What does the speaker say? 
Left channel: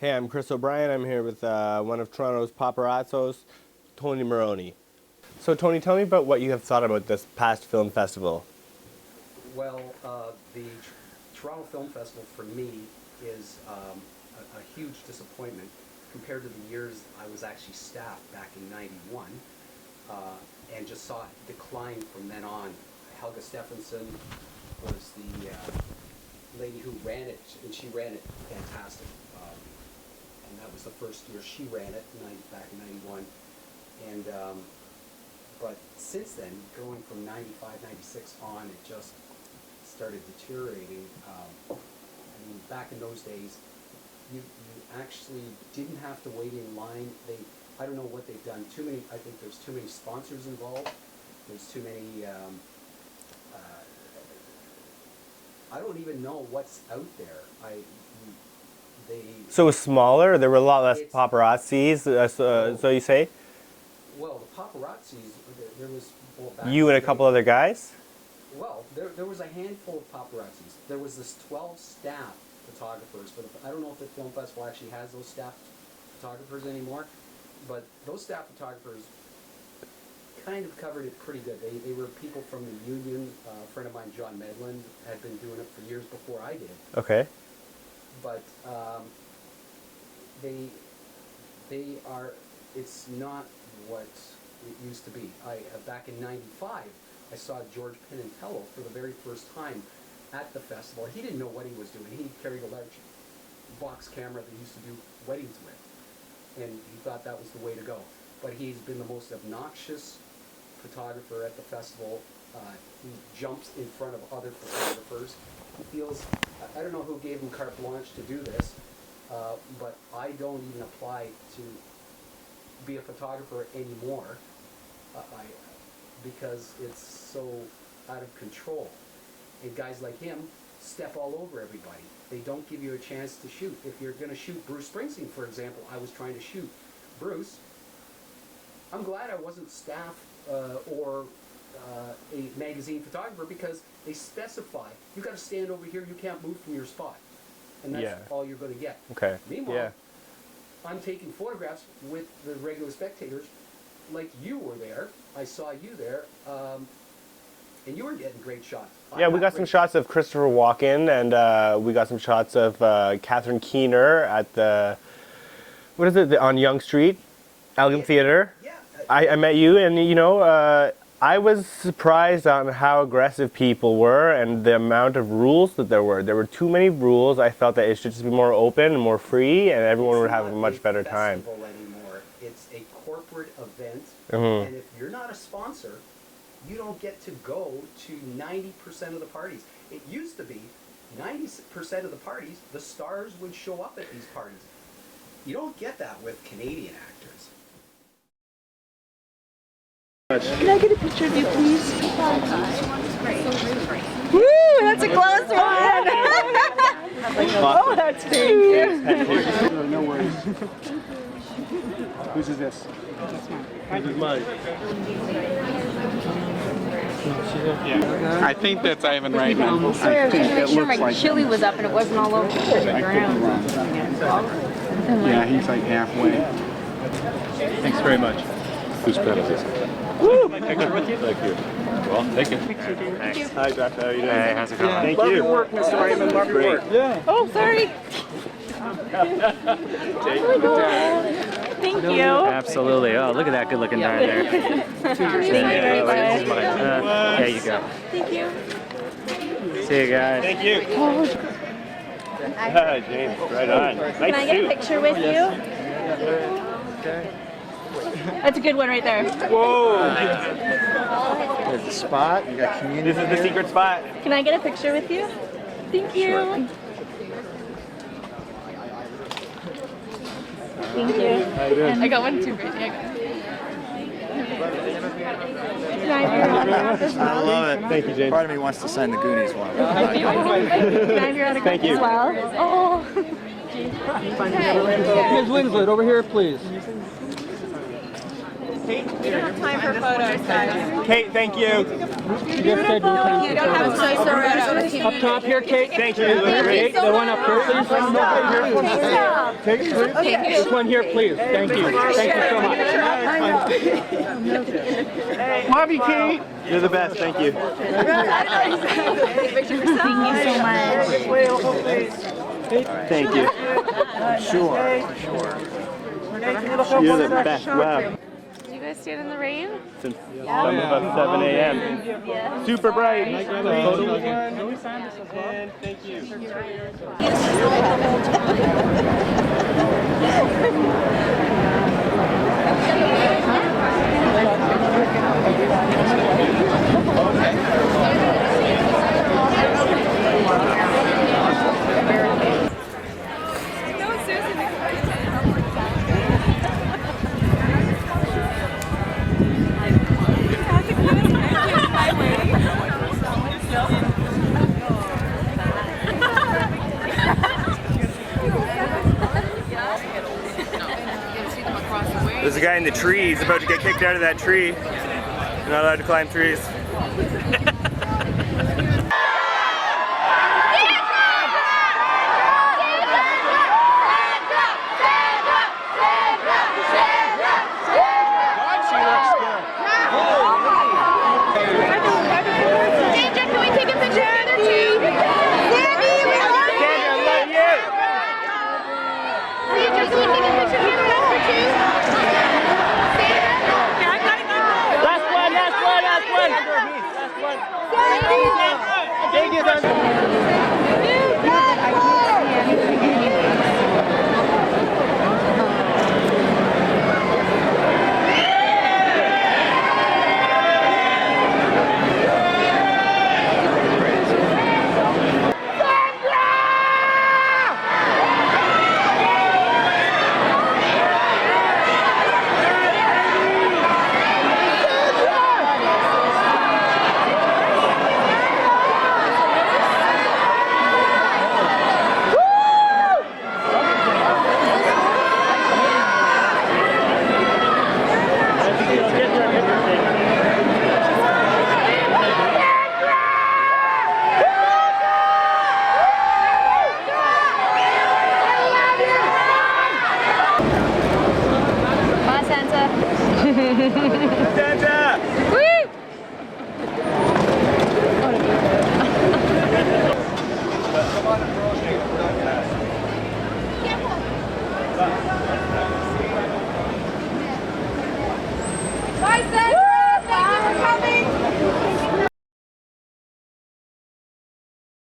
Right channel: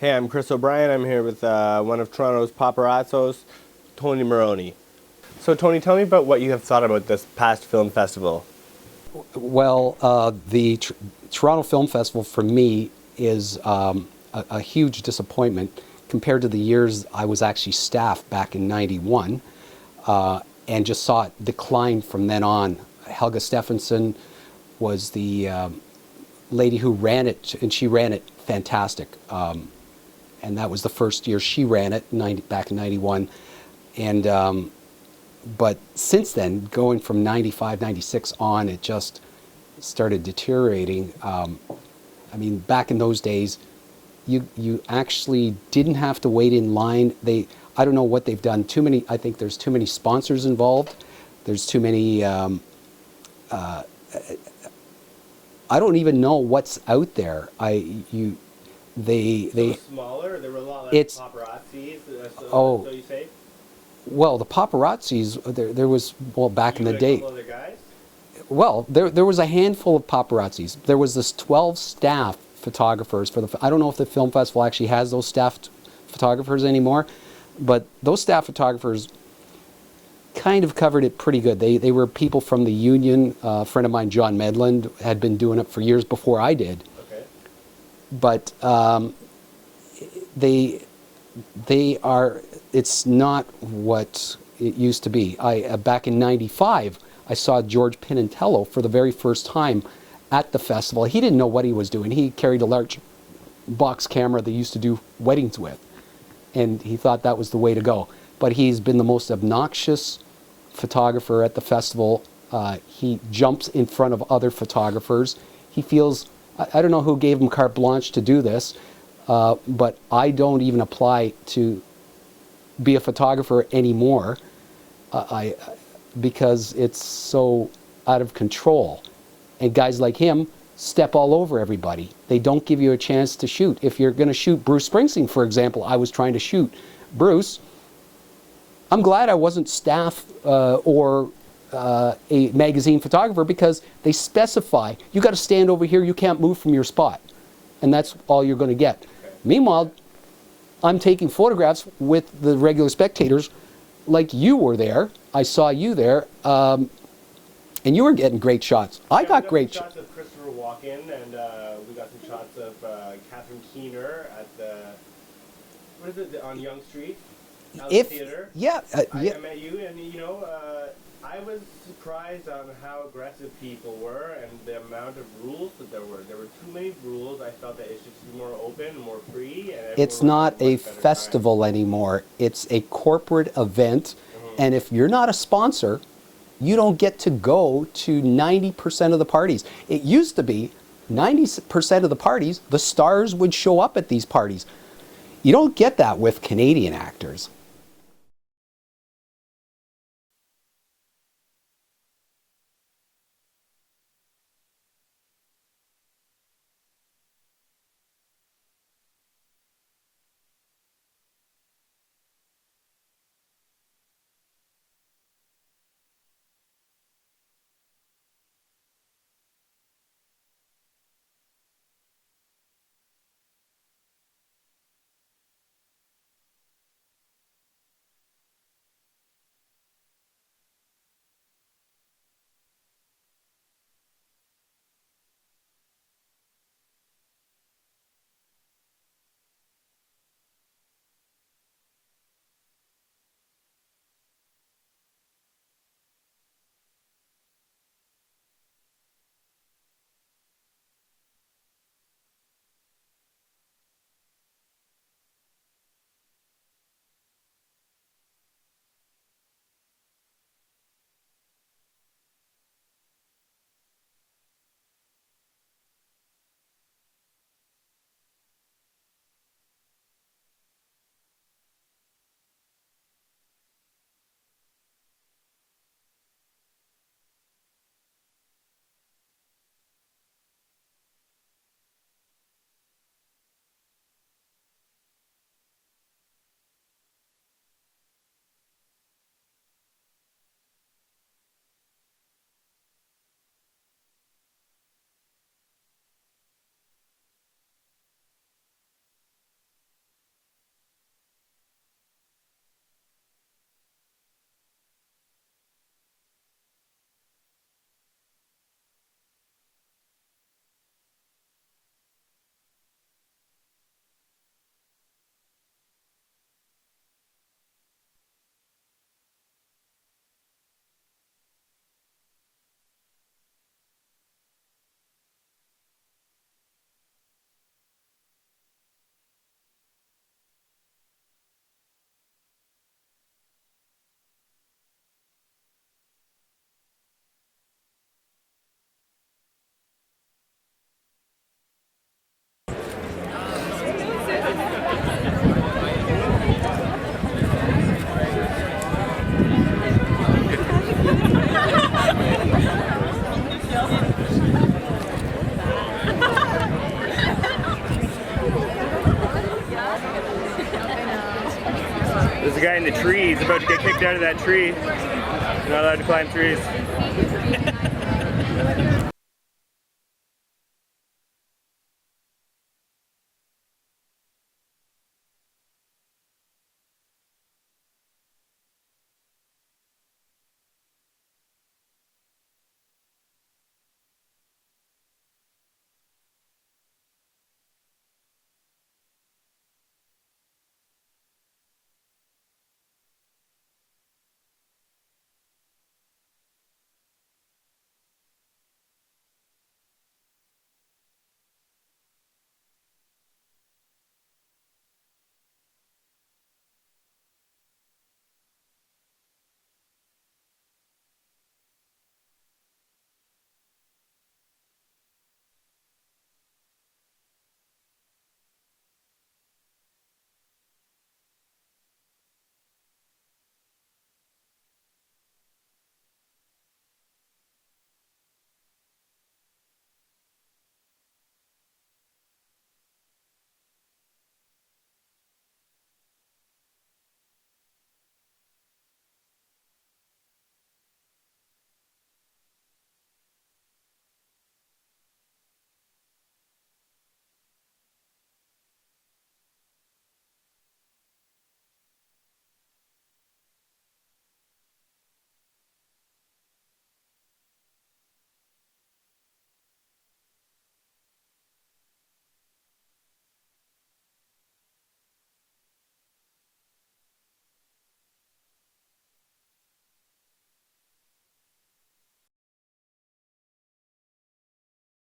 Hey, I'm Chris O'Brien. I'm here with one of Toronto's paparazzos, Tony Morrone. So, Tony, tell me about what you have thought about this past film festival. Well, the Toronto Film Festival for me is a huge disappointment compared to the years I was actually staff back in '91, and just saw it decline from then on. Helga Stephenson was the lady who ran it, and she ran it fantastic. And that was the first year she ran it, back in '91. And but since then, going from '95, '96 on, it just started deteriorating. I mean, back in those days, you actually didn't have to wait in line. I don't know what they've done. I think there's too many sponsors involved. There's too many. I don't even know what's out there. So it was smaller? There were a lot less paparazzis, so you say? Well, the paparazzis, there was, well, back in the day. You and a couple other guys? Well, there was a handful of paparazzis. There was this 12 staff photographers for I don't know if the film festival actually has those staffed photographers anymore, but those staff photographers kind of covered it pretty good. They were people from the union. A friend of mine, John Medland, had been doing it for years before I did. Okay. But it's not what it used to be. Back in '95, I saw George Pinintello for the very first time at the festival. He didn't know what he was doing. He carried a large box camera they used to do weddings with, and he thought that was the way to go. But he's been the most obnoxious photographer at the festival. He jumps in front of other photographers. He feels, I don't know who gave him carte blanche to do this, but I don't even apply to be a photographer anymore because it's so out of control. And guys like him step all over everybody. They don't give you a chance to shoot. If you're going to shoot Bruce Springsteen, for example, I was trying to shoot Bruce. I'm glad I wasn't staff or a magazine photographer, because they specify you got to stand over here, you can't move from your spot, and that's all you're going to get. Okay. Meanwhile, I'm taking photographs with the regular spectators, like you were there. I saw you there, and you were getting great shots. We got some shots of Christopher Walken, and we got some shots of Catherine Keener at the, what is it, on Yonge Street, Allen Theatre. Yeah. I met you, and you know, I was surprised on how aggressive people were and the amount of rules that there were. There were too many rules. I felt that it should just be more open and more free, and everyone would have a much better time. It's not a festival anymore. It's a corporate event, and if you're not a sponsor, you don't get to go to 90% of the parties. It used to be 90% of the parties, the stars would show up at these parties. You don't get that with Canadian actors. Can I get a picture of you, please? Woo, that's a close one. Oh, that's great. No worries. Whose is this? This is mine. I think that's Ivan Reitman. Sorry, I was trying to make sure my chili was up and it wasn't all over the ground. Yeah, he's like halfway. Thanks very much. Whose pen is this? Woo! Thank you. Well, thank you. Thanks. Hi, Josh. How are you doing? Hey, how's it going? Thank Love you. your work, Mr. Reitman. Love your work. Yeah. Oh, sorry. Thank you. Absolutely. Oh, look at that good-looking guy there. There you go. Thank you. See you guys. Thank you. Hi, James. Right on. Nice Can I get a picture with you? Okay. That's a good one right there. Whoa! There's a spot. You got community. This is the secret spot. Can I get a picture with you? Thank you. Sure. Thank you. How you doing? I got one too, Brittany. Can I have your autograph as well? I love it. Thank you, James. Part of me wants to sign the Goonies one. Can I have your autograph Thank you. as well? Oh. Ms. Winslet, over here, please. We don't have time for photos, guys. Kate, thank you. You don't have time for photos. Up top here, Kate. Thank you. Kate, the one up here, please. This one here, please. Thank you. Thank you so much. Love you, Kate. You're the best. Thank you. Thank you so much. Thank you. Sure. You're the best. Wow. Did you guys stand in the rain? Since about 7 a.m. Super bright. And thank you. There's a guy in the tree. He's about to get kicked out of that tree. You're not allowed to climb trees. Last one. Thank you,